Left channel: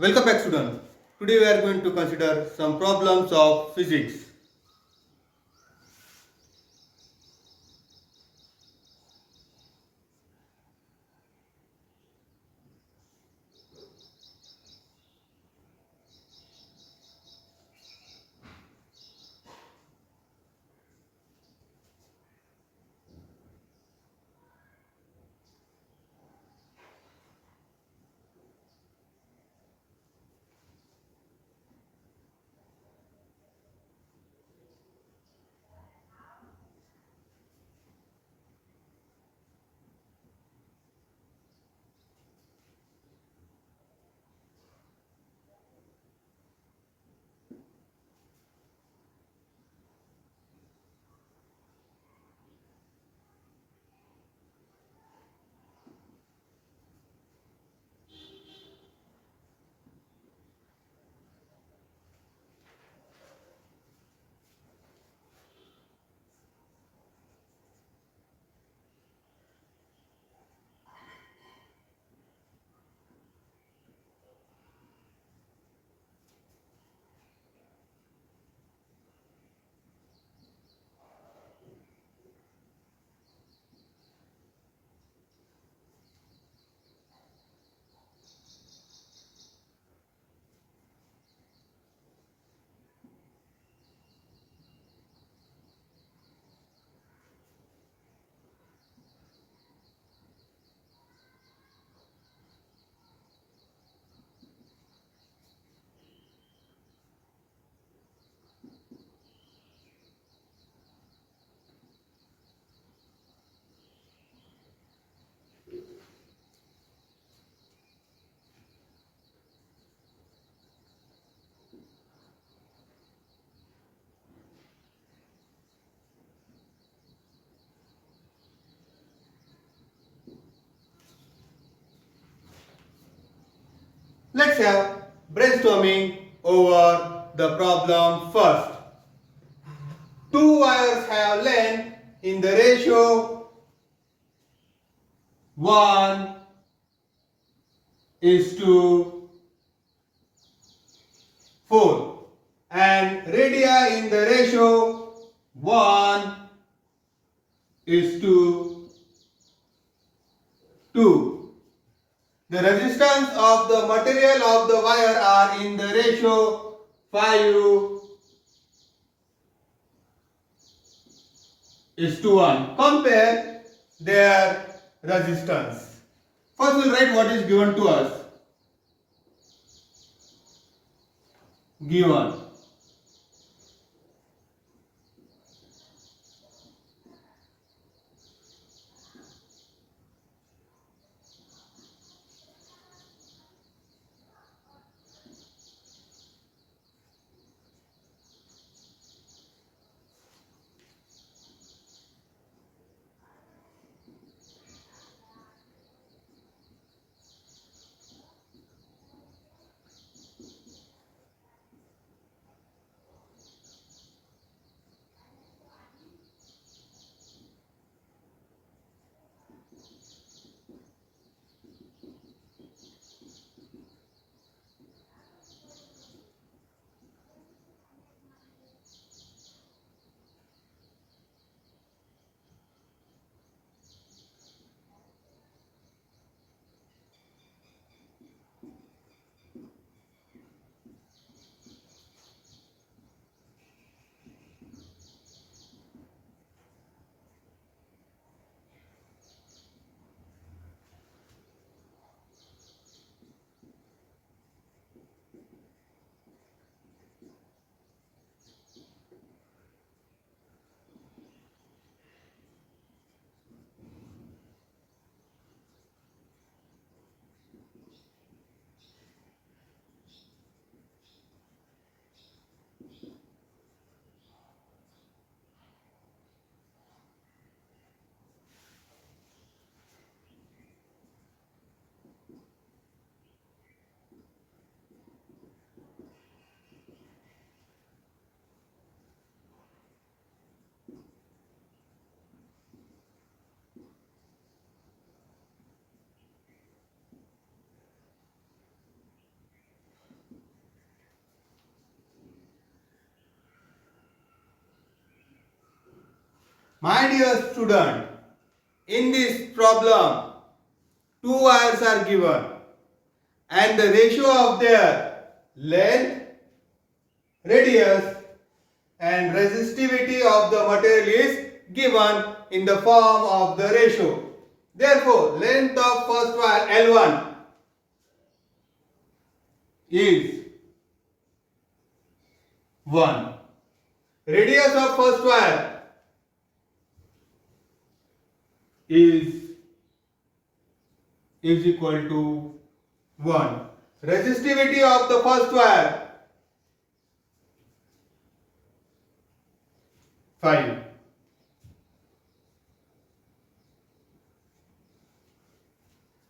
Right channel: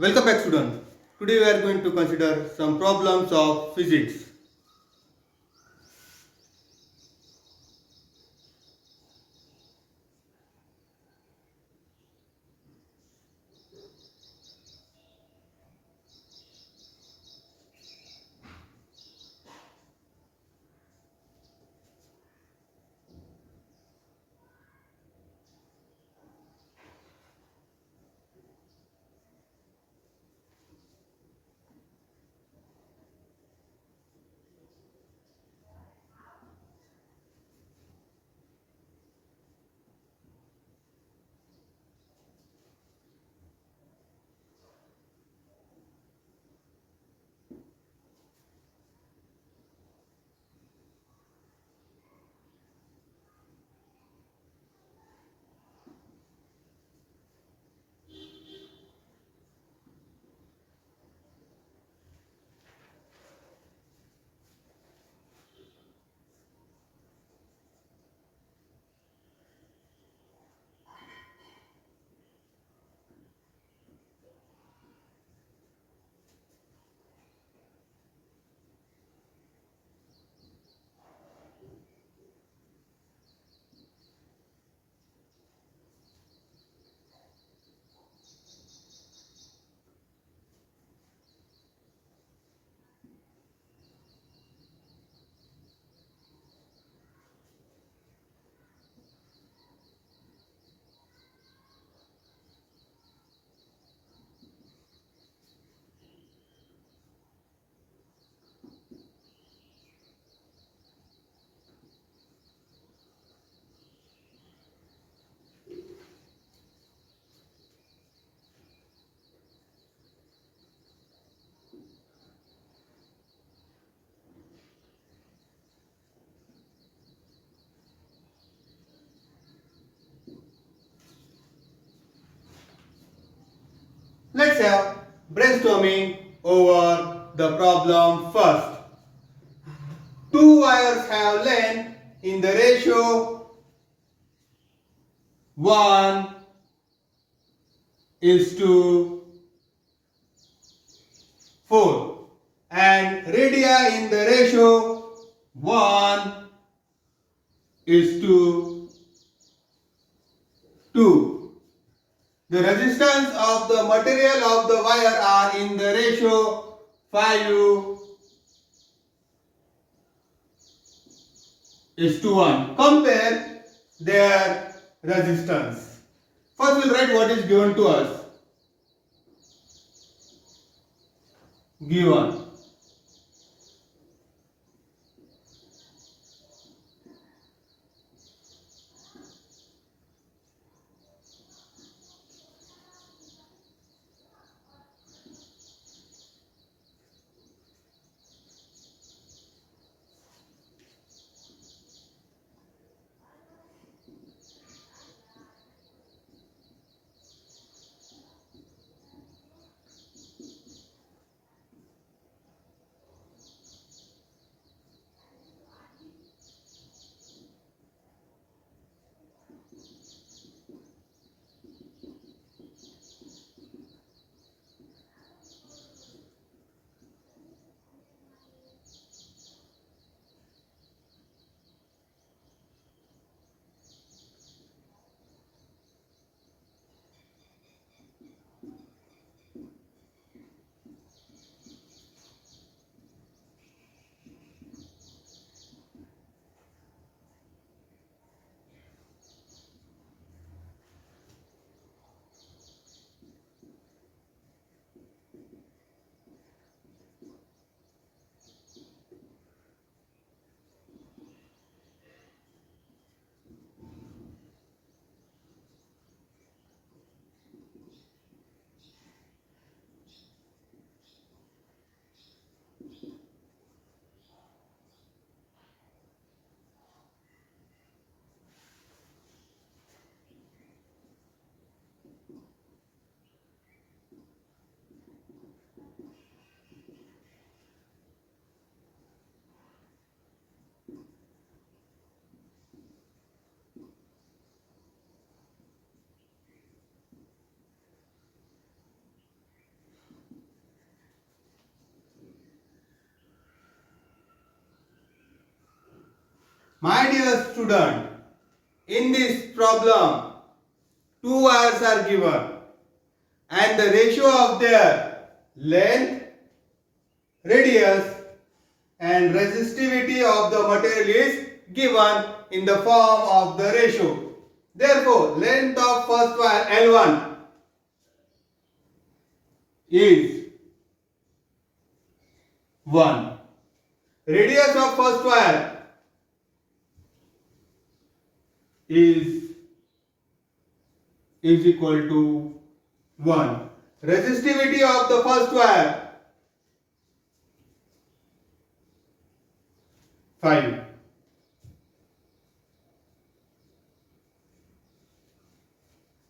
Welcome back students. Today we are going to consider some problems of physics. Let's have brainstorming over the problem first. Two wires have length in the ratio 1 is to 4 and radii in the ratio 1 is to 2. The resistance of the material of the wire are in the ratio 5 is to 1. Compare their resistance. First we'll write what is given to us. Given. My dear student, in this problem, two wires are given and the ratio of their length, radius and resistivity of the material is given in the form of the ratio. Therefore, length of first wire L1 is 1. Radius of first wire is equal to 1. Resistivity of the first wire 5.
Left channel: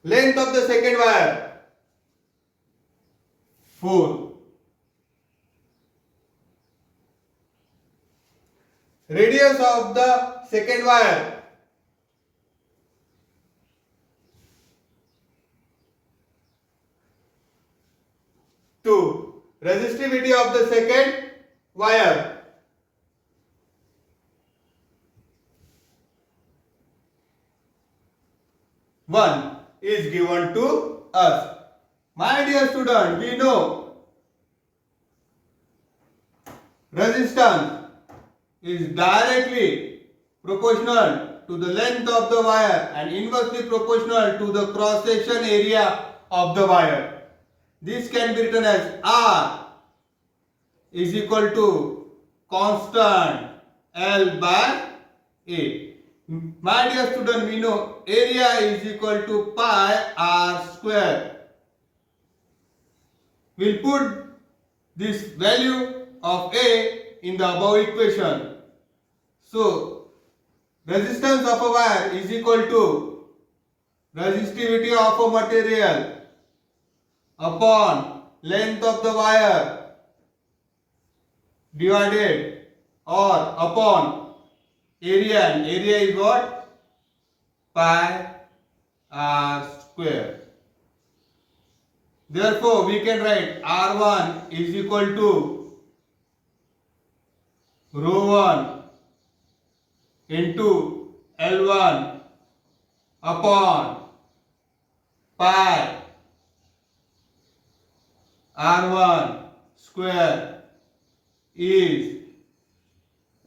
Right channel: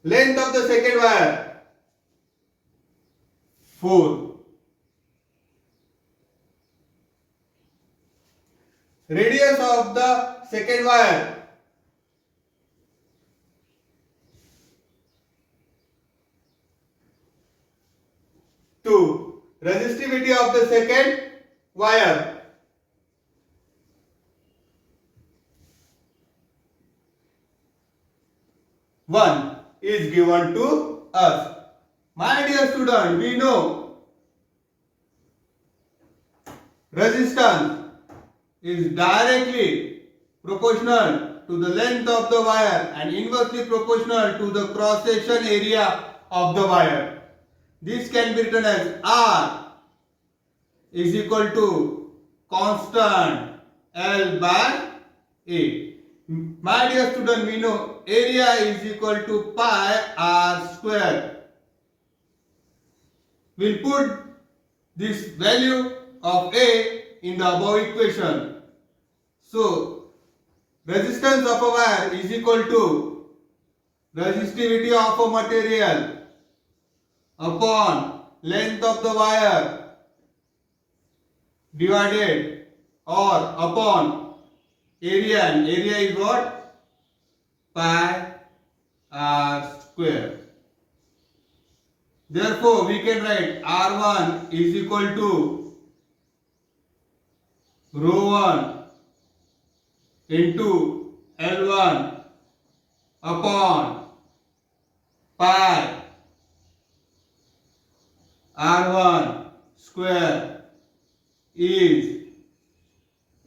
Length of the second wire 4. Radius of the second wire 2. Resistivity of the second wire 1 is given to us. My dear student, we know resistance is directly proportional to the length of the wire and inversely proportional to the cross section area of the wire. This can be written as R is equal to constant L by A. My dear student, we know area is equal to pi R square. We'll put this value of A in the above equation. So, resistance of a wire is equal to resistivity of a material upon length of the wire divided or upon area, and area is what? Pi R square. Therefore, we can write R1 is equal to rho 1 into L1 upon pi R1 square is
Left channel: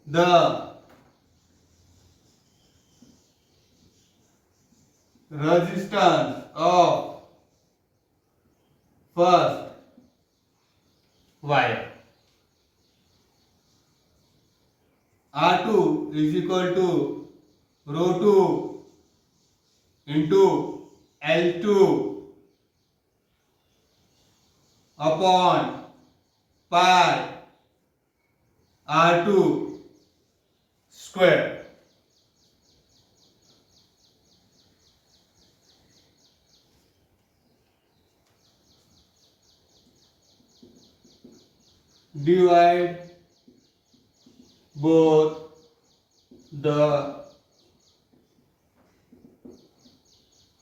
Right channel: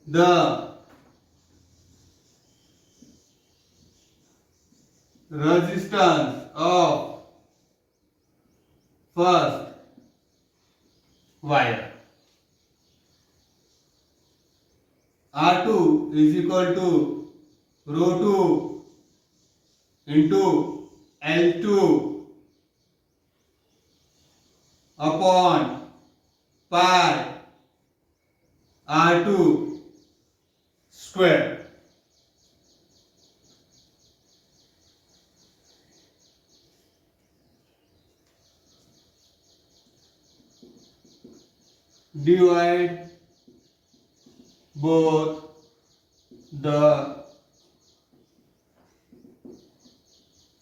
the resistance of first wire. R2 is equal to rho 2 into L2 upon pi R2 square. Divide both the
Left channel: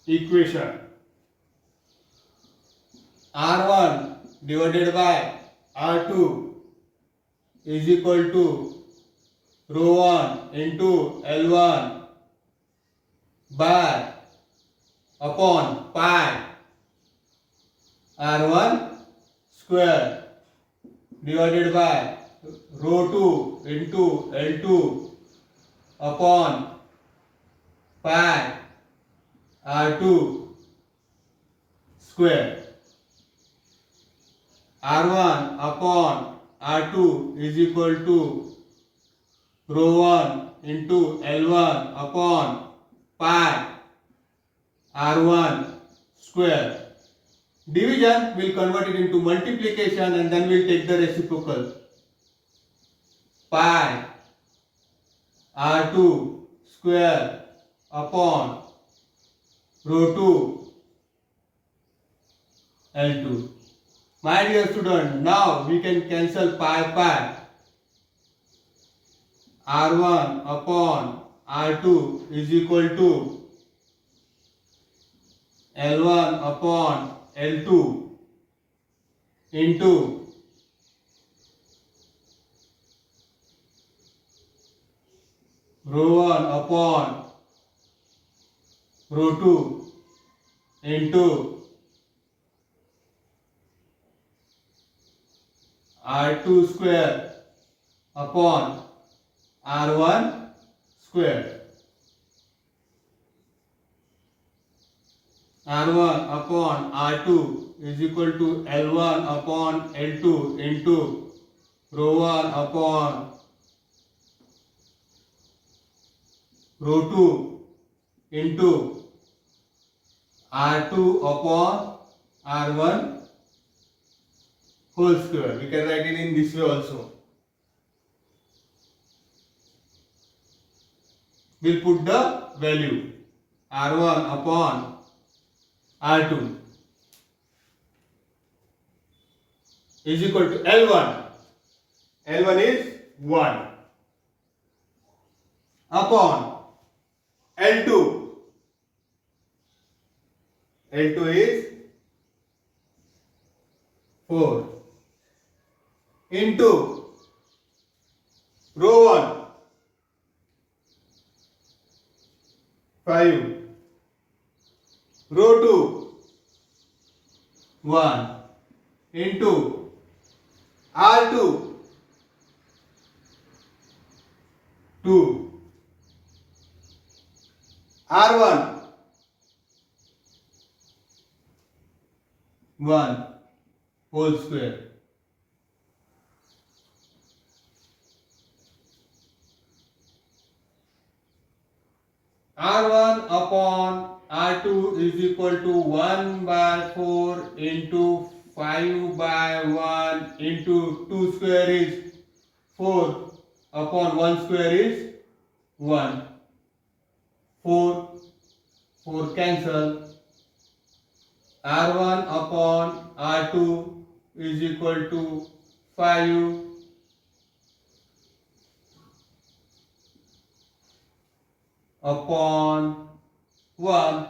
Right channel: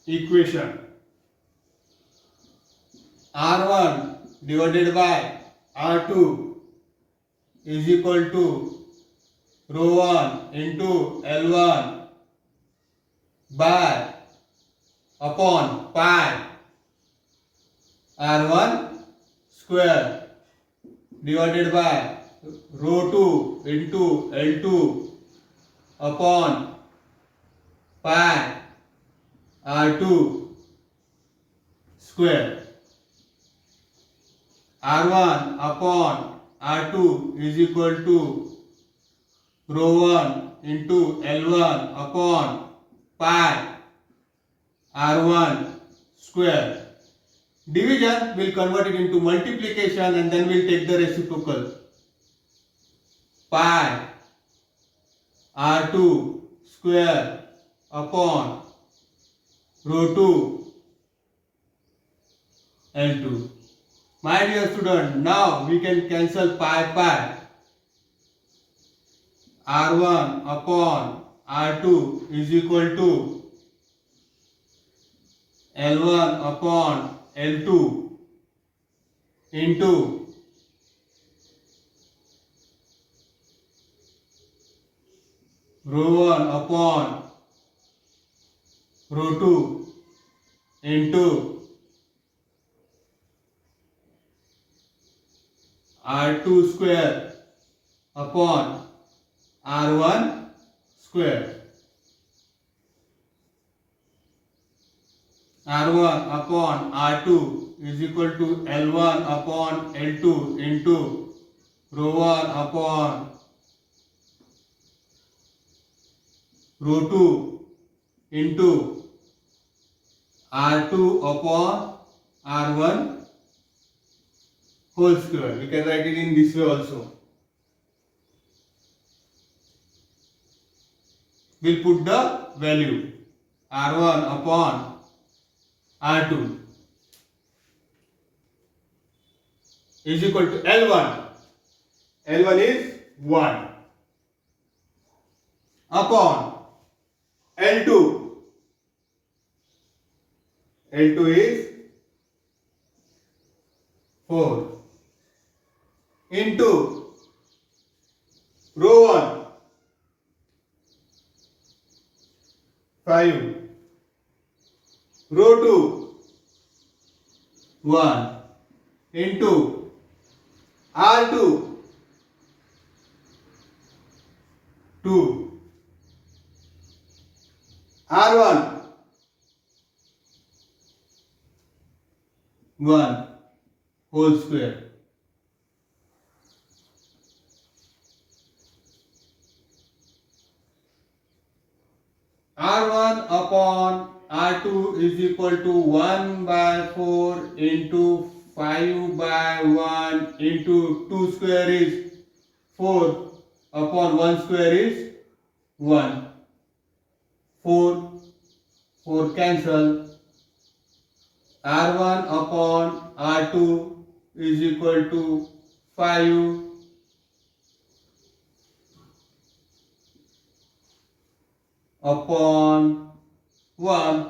equation. R1 divided by R2 is equal to rho 1 into L1 by upon pi R1 square divided by rho 2 into L2 upon pi R2 square. R1 upon R2 is equal to rho 1 into L1 upon pi R1 square. Division will convert it into multiplication and then we'll take the reciprocal. Pi R2 square upon rho 2 L2. My dear student, now we can cancel pi. R1 upon R2 is equal to L1 upon L2 into rho 1 upon rho 2 into r2 square upon r1 square. r1 upon r2 is equal to L1 upon L2 into rho 1 upon rho 2 into r2 upon r1 whole square. We can write it in this way also. We'll put the value r1 upon r2 is equal to L1. L1 is 1 upon L2. L2 is 4 into rho 1 5 rho 2 1 into r2 2 r1 1 whole square. r1 upon r2 is equal to 1 by 4 into 5 by 1 into 2 square is 4 upon 1 square is 1. 4 cancel. r1 upon r2 is equal to 5 upon 1.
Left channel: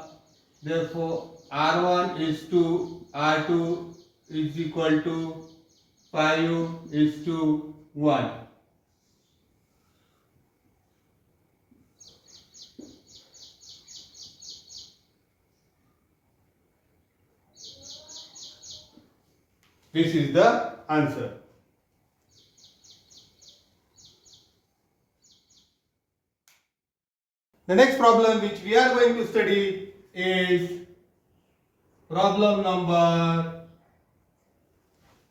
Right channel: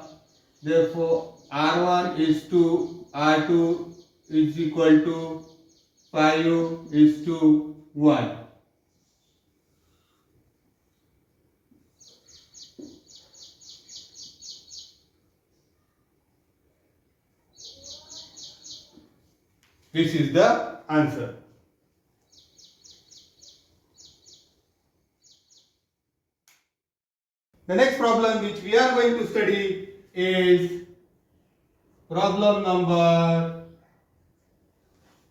Therefore r1 is to r2 is equal to 5 is to 1. This is the answer. The next problem which we are going to study is problem number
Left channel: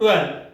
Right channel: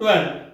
12.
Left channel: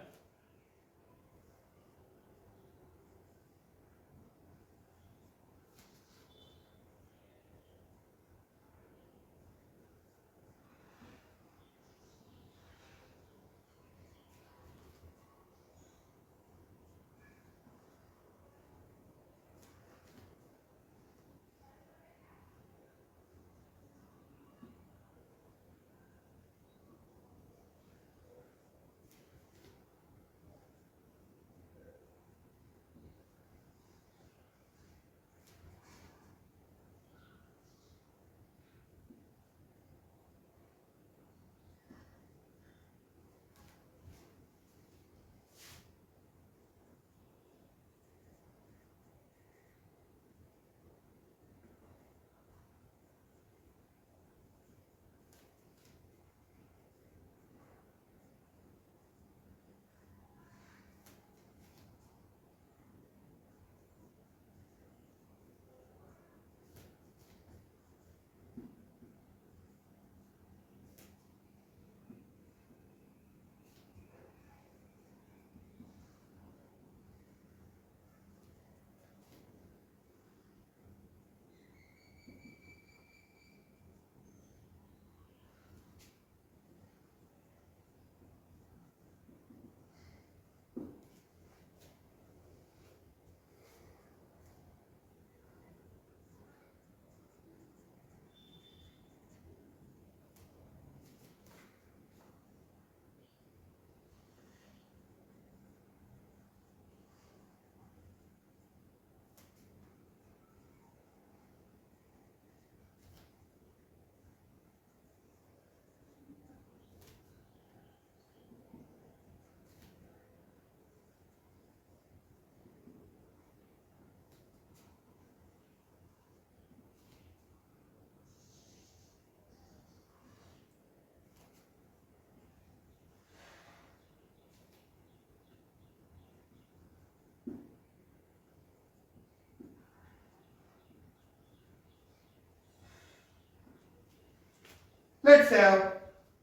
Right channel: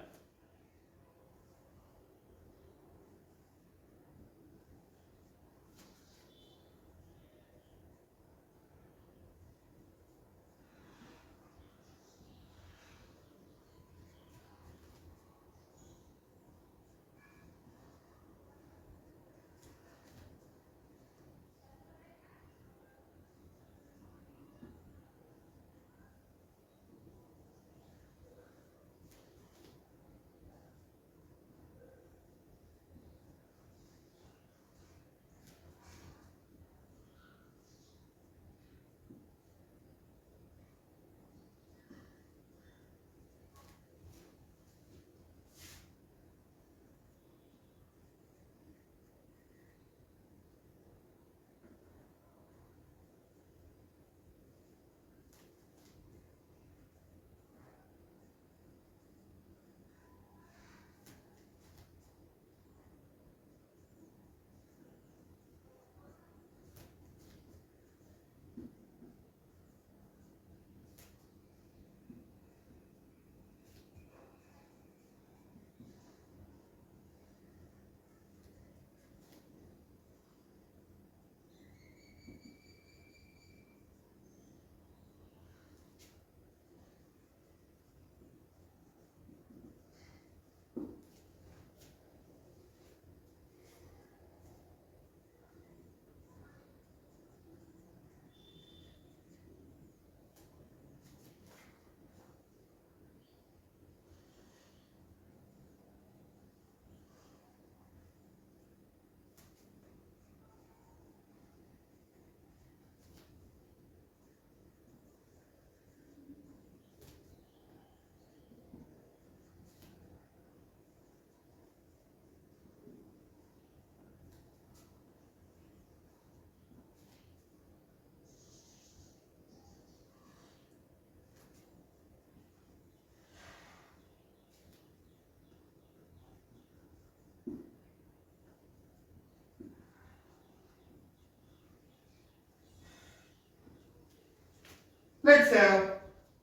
Let's have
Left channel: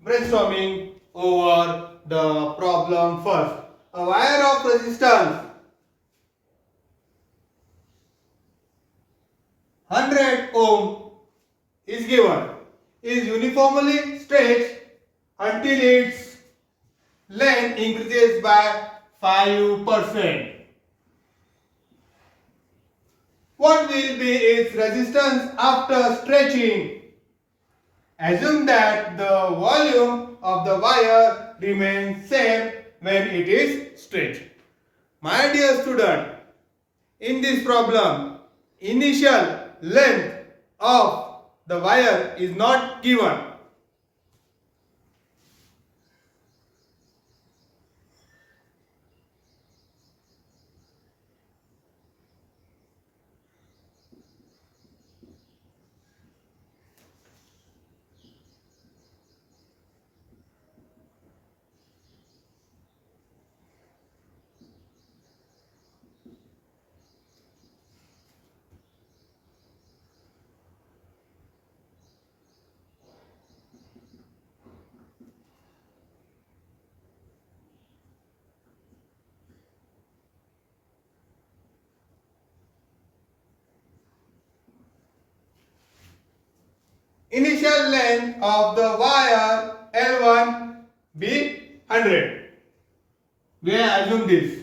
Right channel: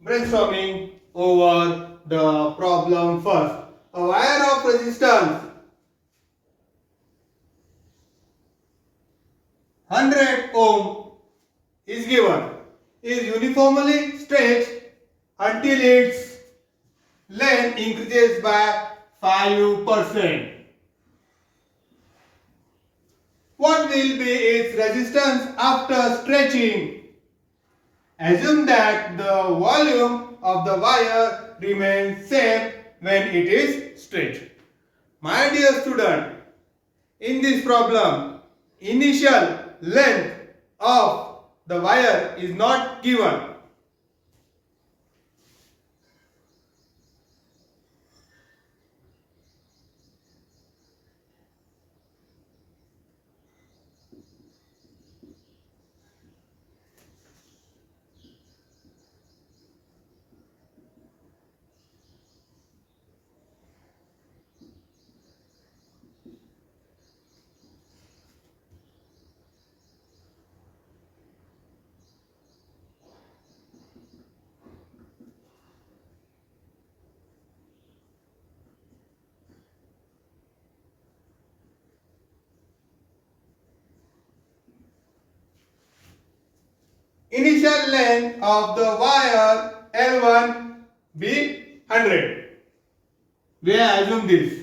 brainstorming over the problem first. A wire of resistance 100 ohm is given, is uniformly stretched until its length increases by 5%. What will be its resistance after stretching? Assume that the volume of the wire remains same when it is stretched. My dear student, in this problem, initial length of the wire is not given. Initial length of the wire L1 be 100. We assume this.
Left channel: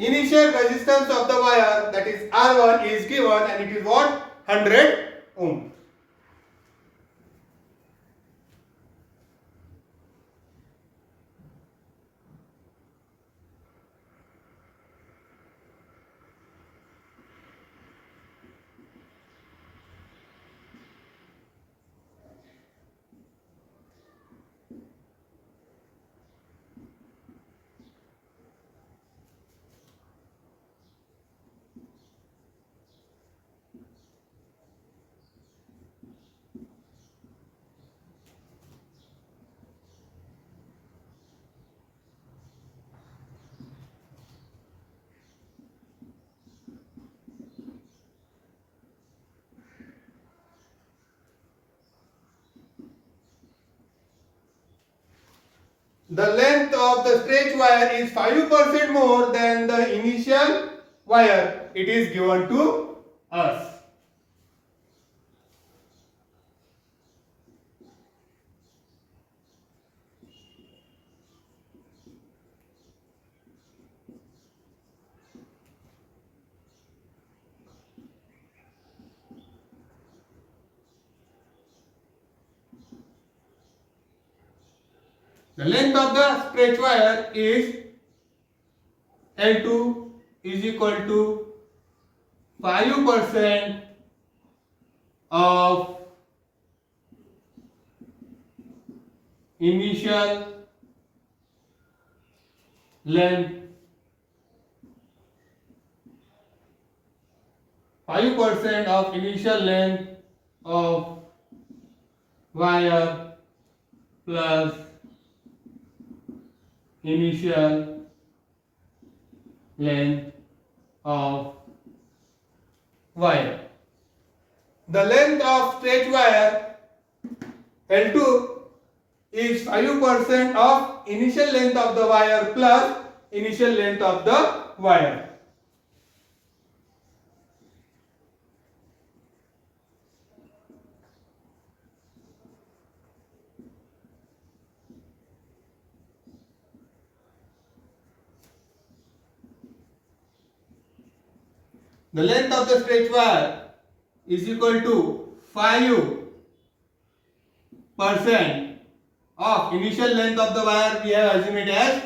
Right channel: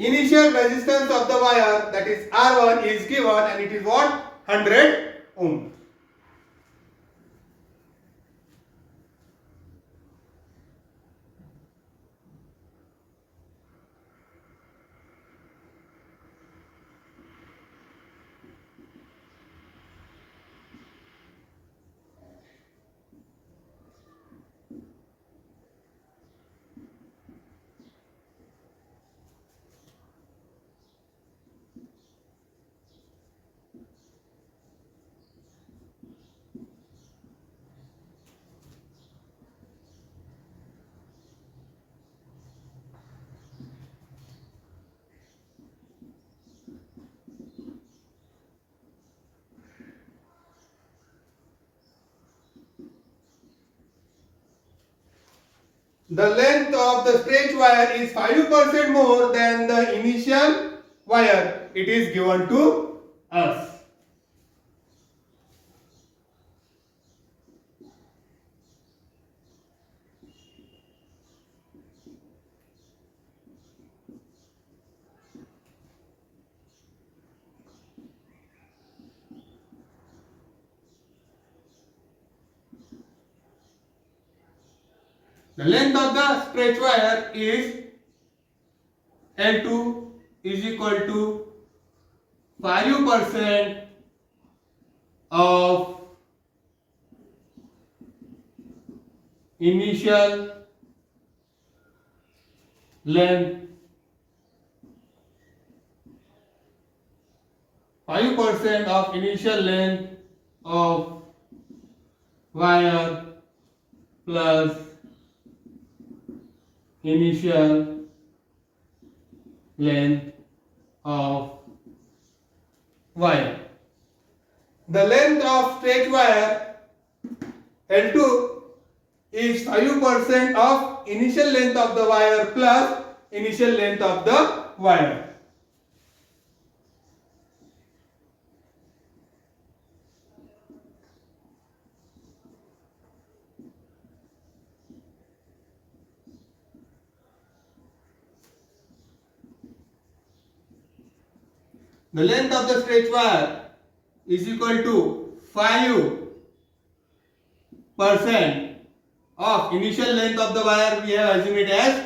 Initial resistance of the wire, that is R1, is given and it is what? 100 ohm. The length of the stretch wire is 5% more than the initial wire. It is given to us. The length of the stretch wire is L2 is equal to 5% of initial length, 5% of initial length of wire plus initial length of wire. The length of stretch wire L2 is 5% of initial length of the wire plus initial length of the wire. The length of the stretch wire is equal to 5% of initial length of the wire. We have assumed it as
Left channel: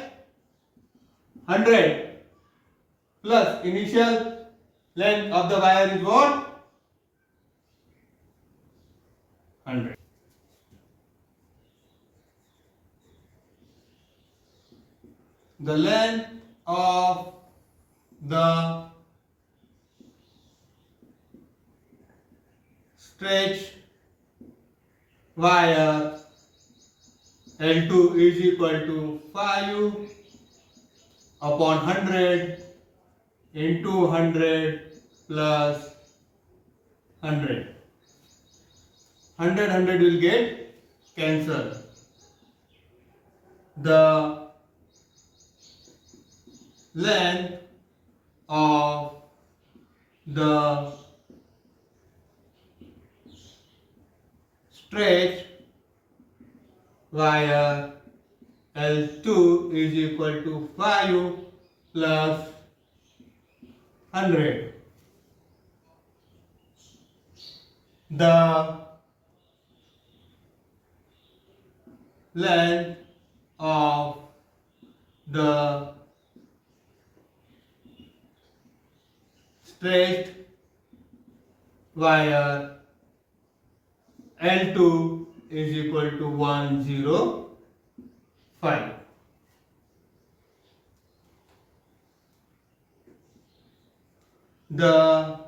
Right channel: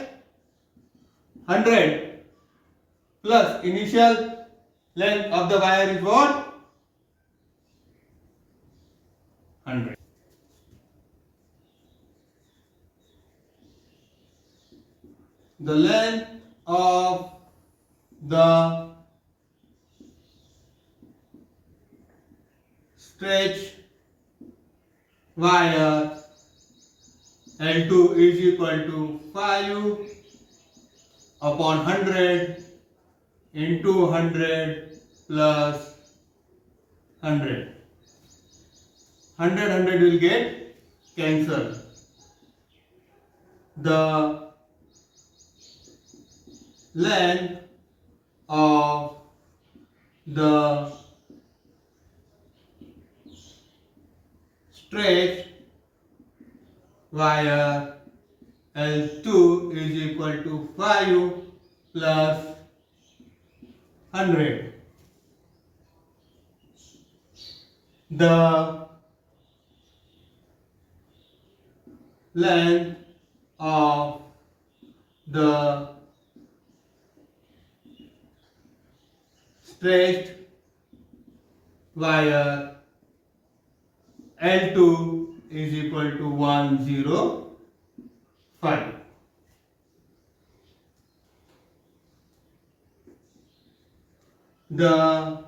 100 plus initial length of the wire is what? 100. the length of the stretched wire L2 is equal to 5 upon 100 into 100 plus 100. 100 will get cancelled. The length of the stretched wire L2 is equal to 5 plus 100. The length of the stretched wire L2 is equal to 105. The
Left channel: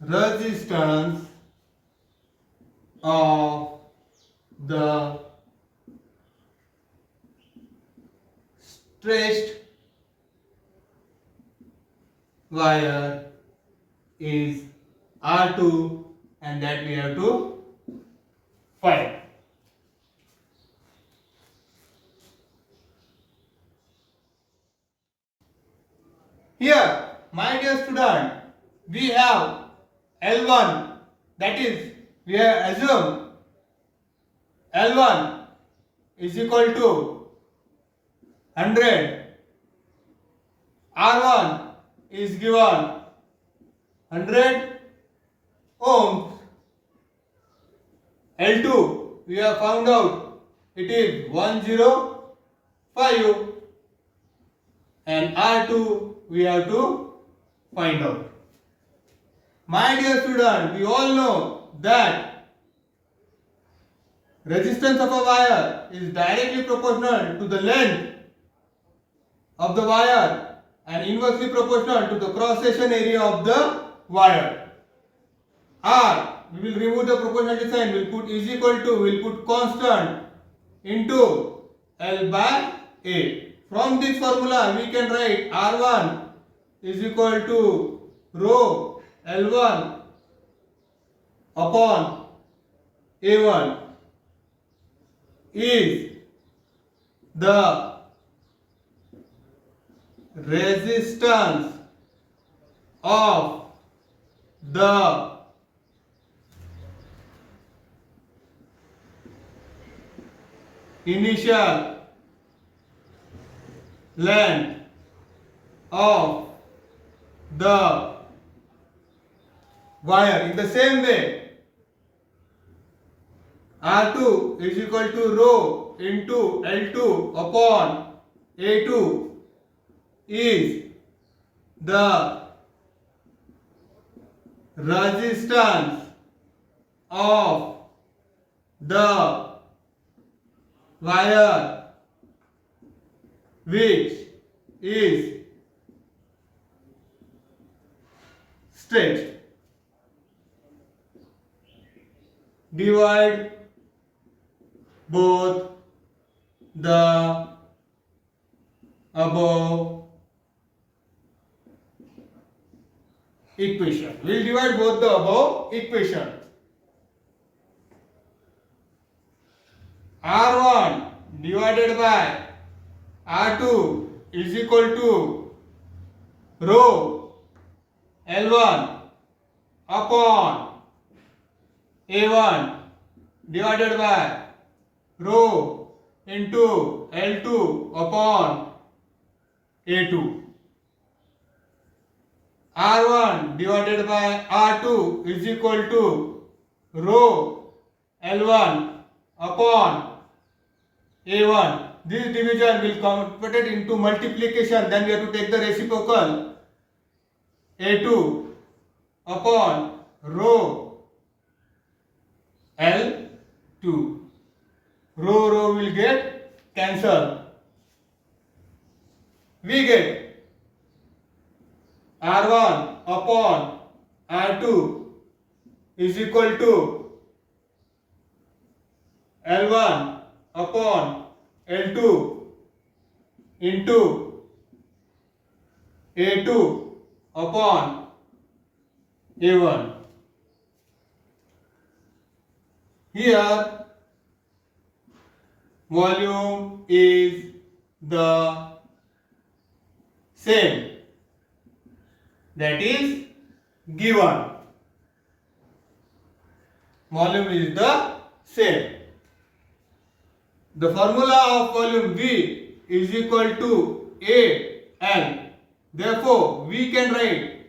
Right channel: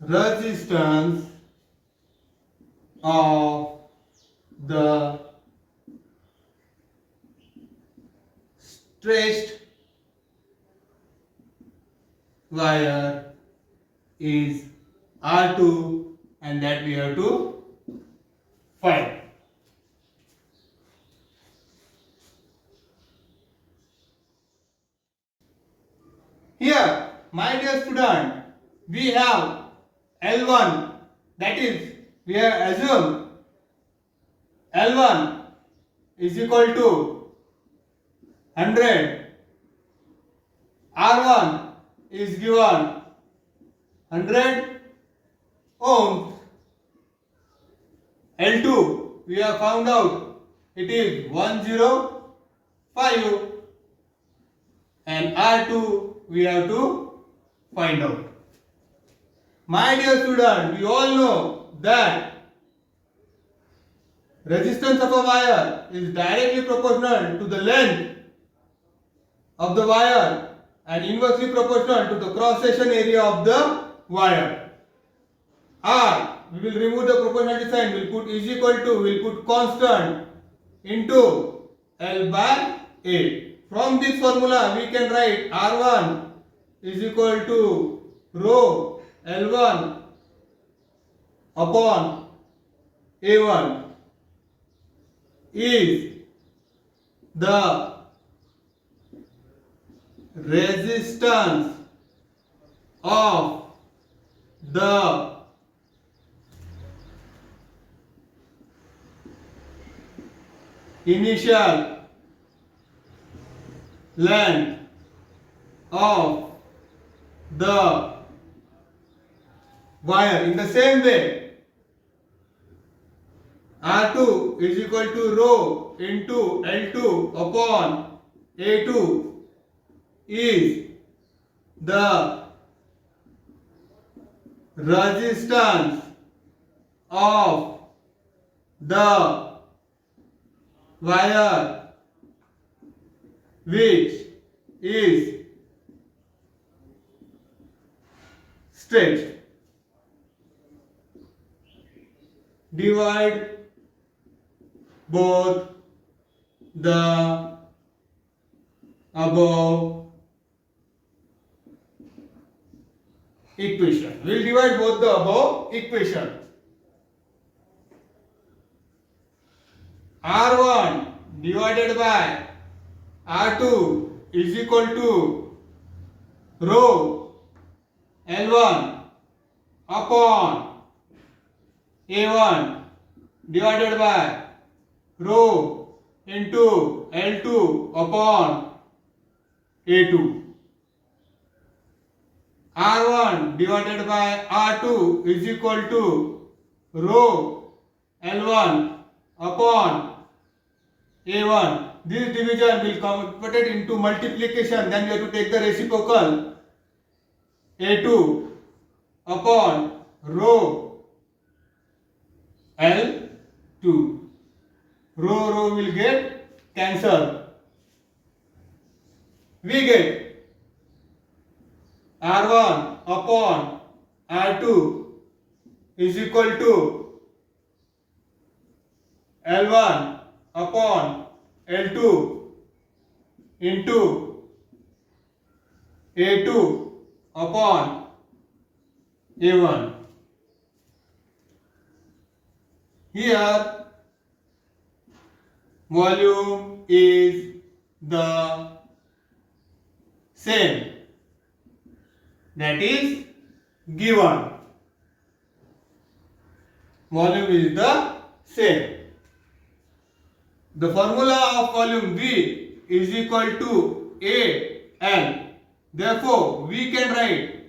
resistance of the stretched wire is R2, and that we have to find. Here, my dear student, we have L1, that is, we have assumed L1 is equal to 100. R1 is given 100 ohms. L2 we have found out it is 105, and R2 we have to find out. My dear student, we all know that resistance of a wire is directly proportional to the length of the wire and inversely proportional to the cross section area of the wire. R, we will remove the proportionality sign, we will put is equal to, we will put constant into L by A. From this formula we can write R1 is equal to rho L1 upon A1 is the resistance of the initial length of the wire. In the same way, R2 is equal to rho into L2 upon A2 is the resistance of the wire which is stretched. Divide both the above equation. We will divide both the above equation. R1 divided by R2 is equal to rho L1 upon A1 divided by rho into L2 upon A2. R1 divided by R2 is equal to rho L1 upon A1. This division will convert it into multiplication. Then we have to take the reciprocal. A2 upon rho L2. Rho will get cancelled. We get R1 upon R2 is equal to L1 upon L2 into A2 upon A1. Here volume is the same, that is given. Volume is the same. The formula of volume V is equal to AL. Therefore, we can write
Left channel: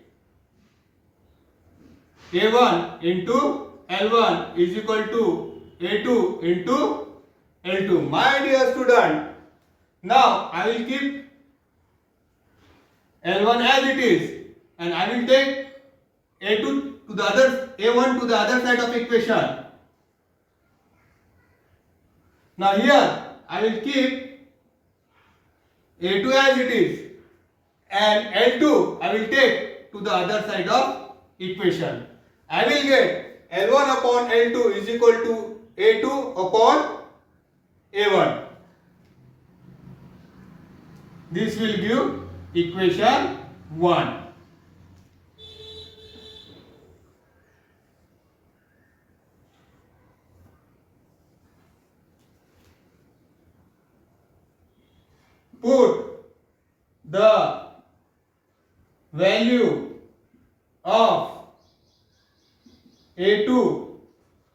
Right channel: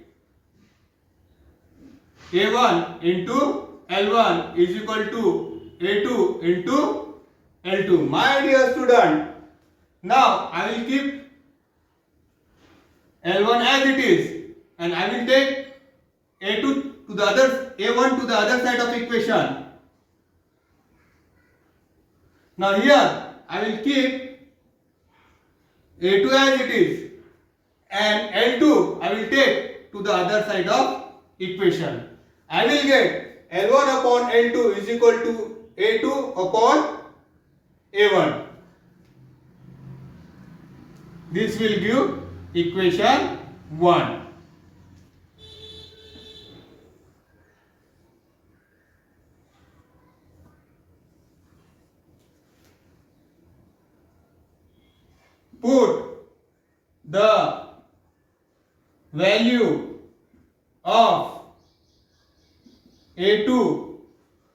A1 into L1 is equal to A2 into L2. My dear student, now I will keep L1 as it is and I will take A2 to the other, A1 to the other side of equation. Now here I will keep A2 as it is and L2 I will take to the other side of equation. I will get L1 upon L2 is equal to A2 upon A1. This will give equation 1. Put the value of A2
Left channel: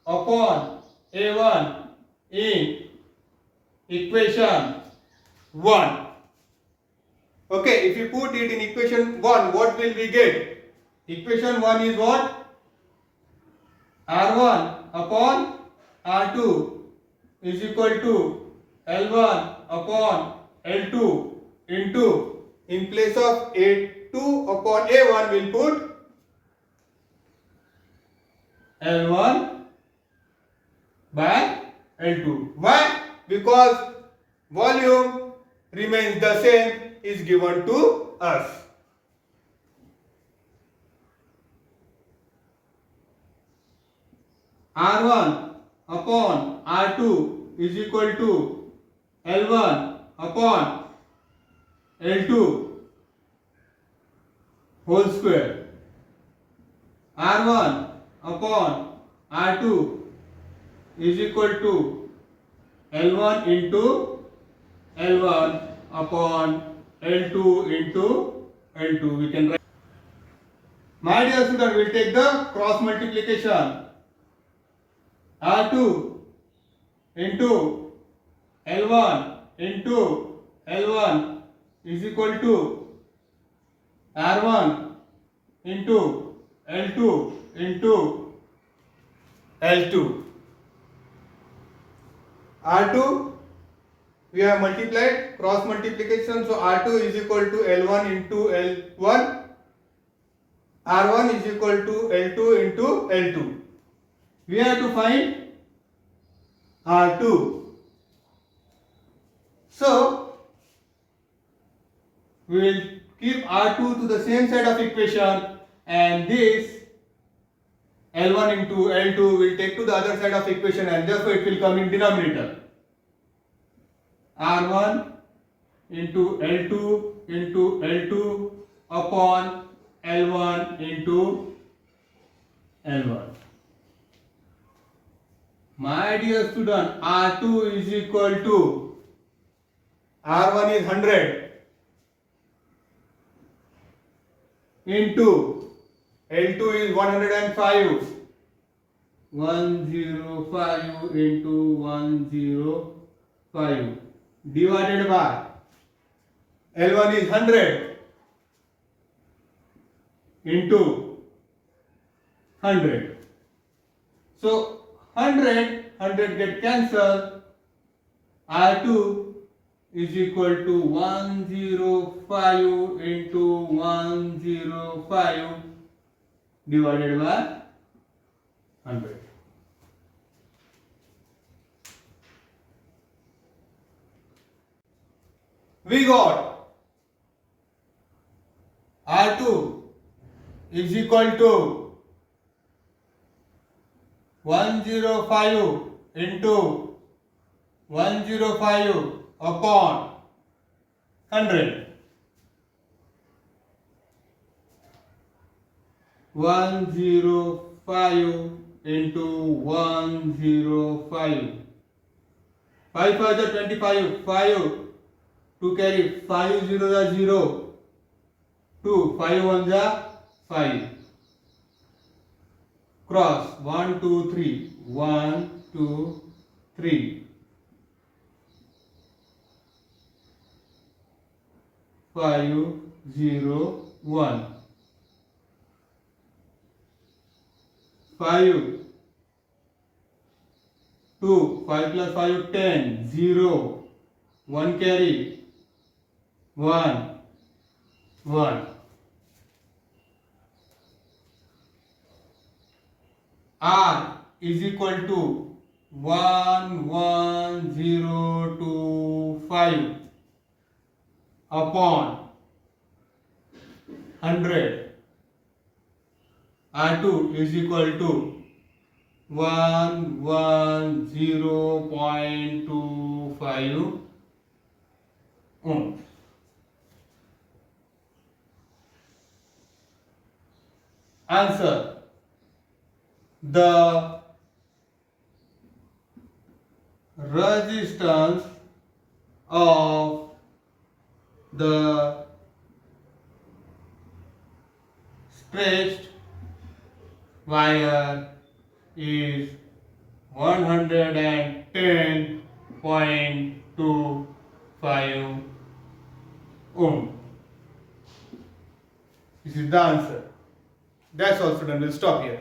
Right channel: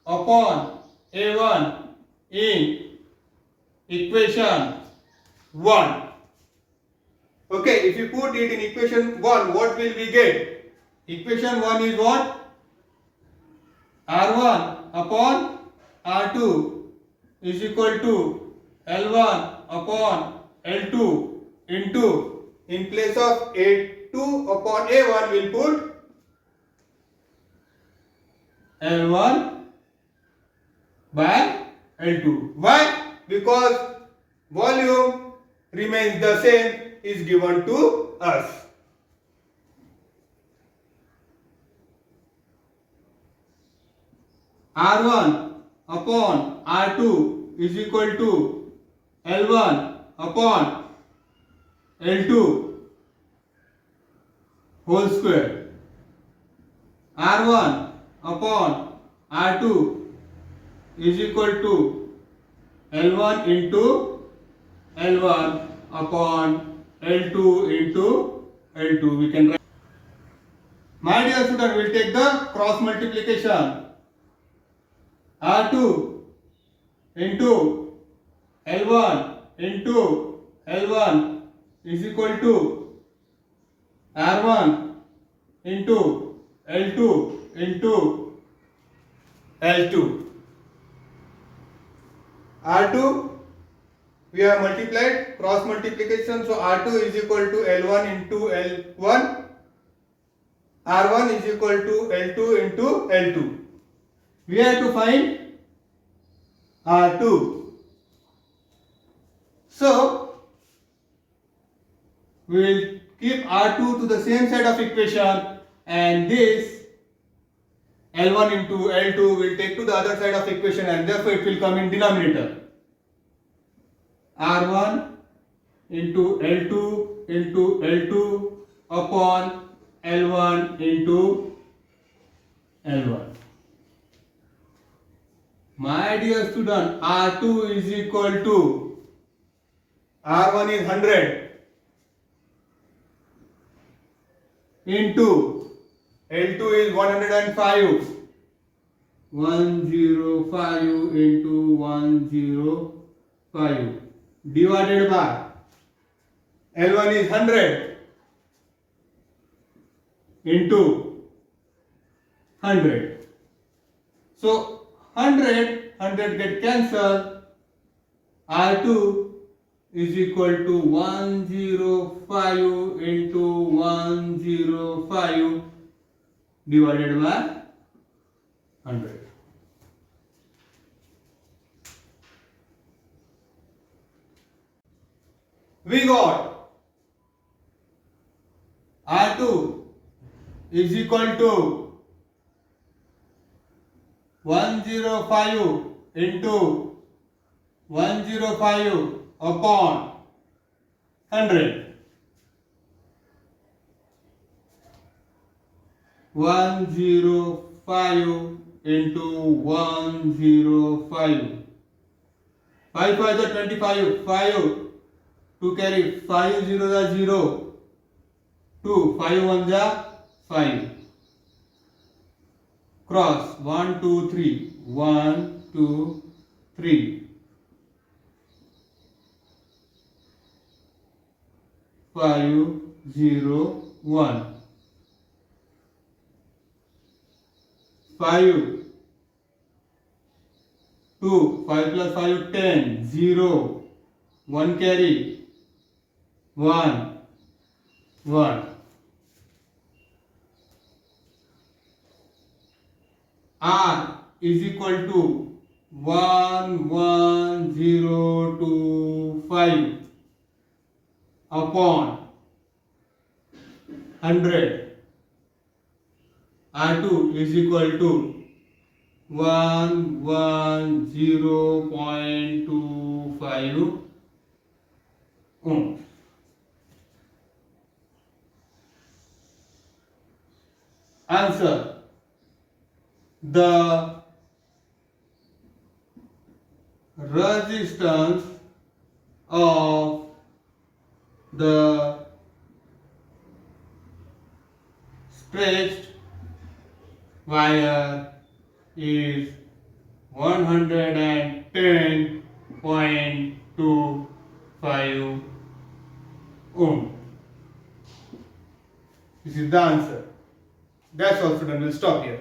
upon A1 in equation 1. Okay, if you put it in equation 1, what will we get? Equation 1 is what? R1 upon R2 is equal to L1 upon L2 into, in place of A2 upon A1 we'll put L1 by L2. Why? Because volume remains the same, is given to us. R1 upon R2 is equal to L1 upon L2 whole square. R1 upon R2 is equal to L1 into L1 upon L2 into L2. We can write. My dear student, we will take the cross multiplication. R2 into L1 into L1 is equal to R1 into L2 into L2. R2 we have multiplied, cross multiplication, so R2 is equal to L1 into L1, R1 is equal to L2 into L2. We have to find R2. So we will keep R2 to the same side of equation and this L1 into L2 will take to the other side of equation and therefore it will come in denominator. R1 into L2 into L2 upon L1 into L1. My dear student, R2 is equal to R1 is 100 into L2 is 105. 105 into 105 divided by L1 is 100 into 100. So 100 get cancelled. R2 is equal to 105 into 105 divided by 100. we got R2 is equal to 105 into 105 upon 100. 105 into 105. 5 5 is 25. 5 to carry 5 0 is 0. 2 5 1 is 5. Cross 1 2 3. 1 2 3. 5 0 1. 5 2 5 plus 5 10 0 1 carry 1 1. R is equal to 11025 upon 100. R2 is equal to 110.25 ohms. Answer: the resistance of the stretched wire is 110.25 ohm. This is the answer. That's all, students. We'll stop here.